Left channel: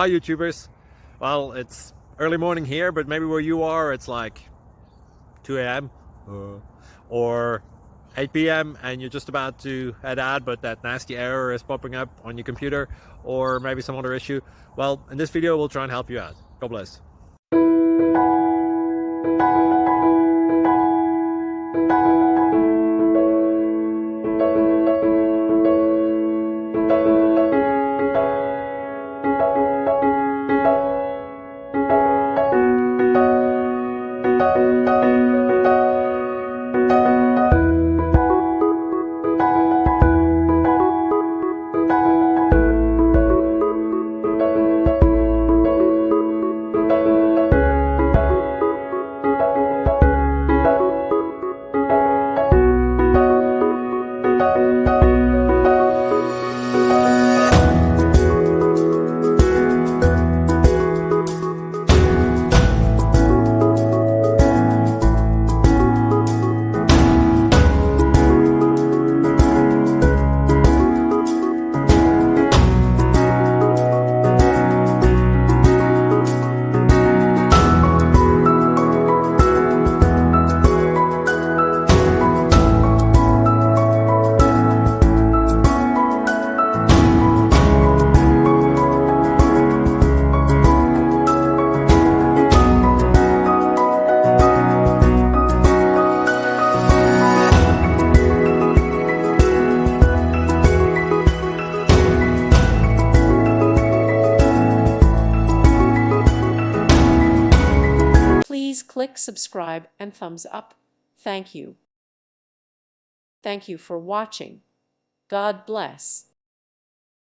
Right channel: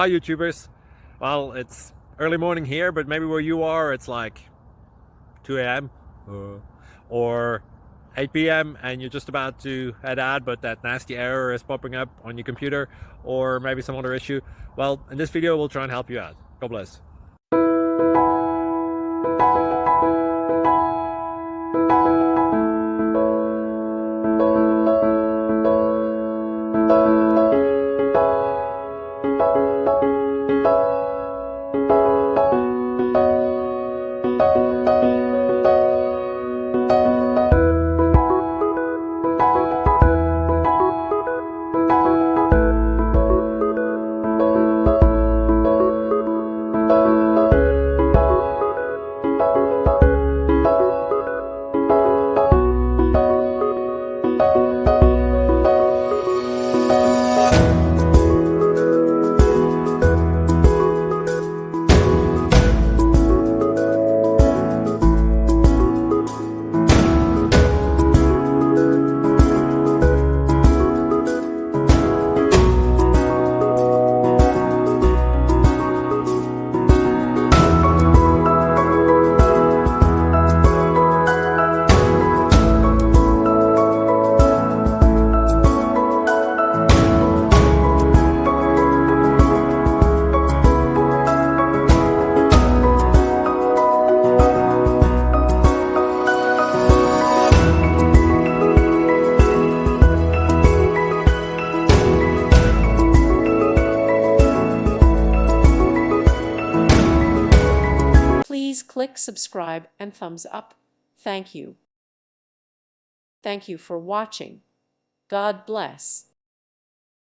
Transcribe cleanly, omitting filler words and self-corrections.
Hi YouTubers. Well, it's early morning here, but maybe where you are it's like 2 a.m. Or 8 p.m. and you're just about to head out, but that nasty error is popping up on your computer, or maybe some other issue. Well, in this video we'll try and help you out. God bless. Please click subscribe and thumbs up. Thank you. Thank you for watching. God bless.